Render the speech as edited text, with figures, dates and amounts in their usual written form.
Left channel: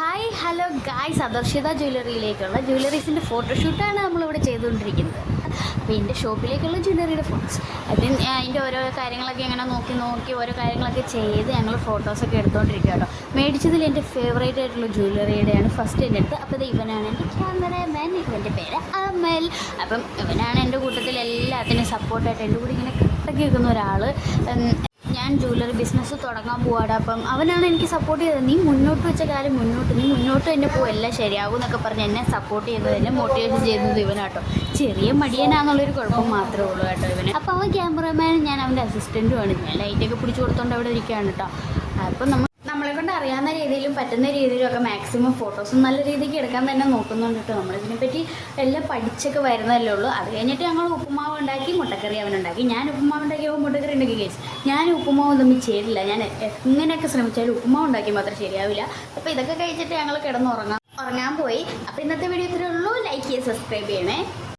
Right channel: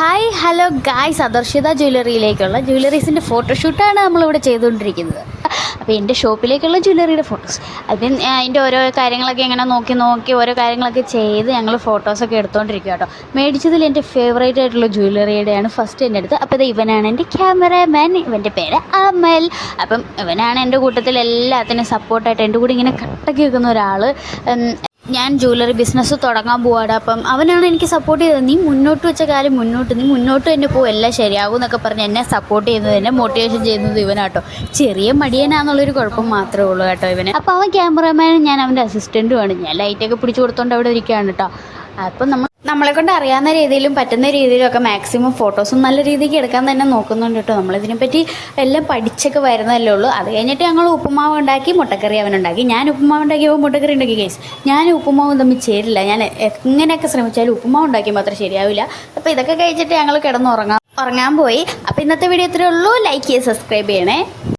Hi hello guys, അദർശിത ജ്വല്ലറിയിലേക്കുള്ള ജ്വല്ലറീസിൻ്റെ ഫോട്ടോഷൂട്ടാണ് നമ്മളിവിടെ ചെയ്തുകൊണ്ടിരിക്കുന്നത്. അപ്പോൾ എൻ്റെ ഷോപ്പിലേക്കുള്ള ജ്വല്ലറിയുടെ ഫോട്ടോസ്, അതിന് അതിൻ്റെ ഓരോ കാര്യങ്ങളൊക്കെ ഇങ്ങനെ നോക്കി ഓരോ കാര്യങ്ങളൊക്കെ ചെയ്ത് ഞങ്ങൾ ഫോട്ടോസൊക്കെ എടുത്തുകൊണ്ടിരിക്കുക കേട്ടോ. മേടിച്ചതിൽ എൻ്റെ ഫേവറേറ്റ് ആയിട്ടുള്ള ജ്വല്ലറിയുടെയാണ് ഫസ്റ്റ് എൻ്റെ അടുത്ത്. അപ്പോൾ ഇത് ഇവനാണ് എൻ്റെ ക്യാമറാമാൻ, ഇവൻ്റെ പേര് അമൽ. അപ്പം ഇവനാണ് എൻ്റെ കൂട്ടത്തിൽ എല്ലാത്തിനും സപ്പോർട്ടായിട്ട് എൻ്റെ കൂടെ ഇങ്ങനെ കട്ടക്കി വെക്കുന്ന ഒരാൾ. ഞാൻ ജ്വല്ലറി ബിസിനസ് തുടങ്ങാൻ പോവാടാ, അപ്പം അവനാണ് എനിക്ക് സപ്പോർട്ട് ചെയ്തത്. നീ മുന്നോട്ട് വെച്ച കാര്യം നീ മുന്നോട്ട് തന്നെ പോകും, എല്ലാം ശരിയാകും എന്നൊക്കെ പറഞ്ഞ് എന്നെ സപ്പോർട്ട് ചെയ്യുന്നത്, എന്നെ മോട്ടിവേഷൻ ചെയ്യുന്നത് ഇവനാട്ടോ. ചെറിയ മടിയനാന്നുള്ളൊരു കുഴപ്പം മാത്രമേ ഉള്ളൂ കേട്ടോ ഇവന്. അപ്പോൾ അവൻ ക്യാമറമാനും ഞാൻ അവൻ്റെ അസിസ്റ്റൻറ്റുമാണ്. ഞാൻ ലൈറ്റൊക്കെ പിടിച്ചു കൊടുത്തോണ്ട് അവിടെ ഇരിക്കുകയാണ് കേട്ടോ. അപ്പം നമ്മളെ കൊണ്ട് അറിയാവുന്ന രീതിയിലും പറ്റുന്ന രീതിയിലൊക്കെ മാക്സിമം ഫോട്ടോസും നല്ല രീതിക്ക് എടുക്കാൻ തന്നെ നോക്കുന്നുണ്ട് കേട്ടോ. നമ്മളിതിനെപ്പറ്റി എല്ലാം പഠിച്ചൊക്കെ വരുന്നതല്ലേ ഉള്ളൂ. അത് കഴിഞ്ഞിട്ട് ഞങ്ങൾ ഉപ്പുമാവ് ഉണ്ടാക്കി, മുട്ടക്കറി അവനുണ്ടാക്കി. ഞാൻ ഉപ്പുമാവ് ഉണ്ടാക്കിയപ്പോൾ മുട്ടക്കറി ഉണ്ടാക്കി കേസ്. ഞാൻ ഉപ്പുമാവും തമ്മിൽ ചേരില്ല. ഞാൻ എങ്ങനെയൊക്കെ ശ്രമിച്ചാലും ഉപ്പുമാവ് ഉണ്ടാക്കി മാത്രം ശരിയാവില്ല. അപ്പോൾ ഇതൊക്കെ കഴിച്ചിട്ട് ഞങ്ങൾ ഉറങ്ങാൻ പോയി. അപ്പോൾ ഇന്നത്തെ വീഡിയോ ഇത്രയേ ഉള്ളൂ. ലൈക്ക് ചെയ്യുക, സബ്സ്ക്രൈബ് ചെയ്യണേ.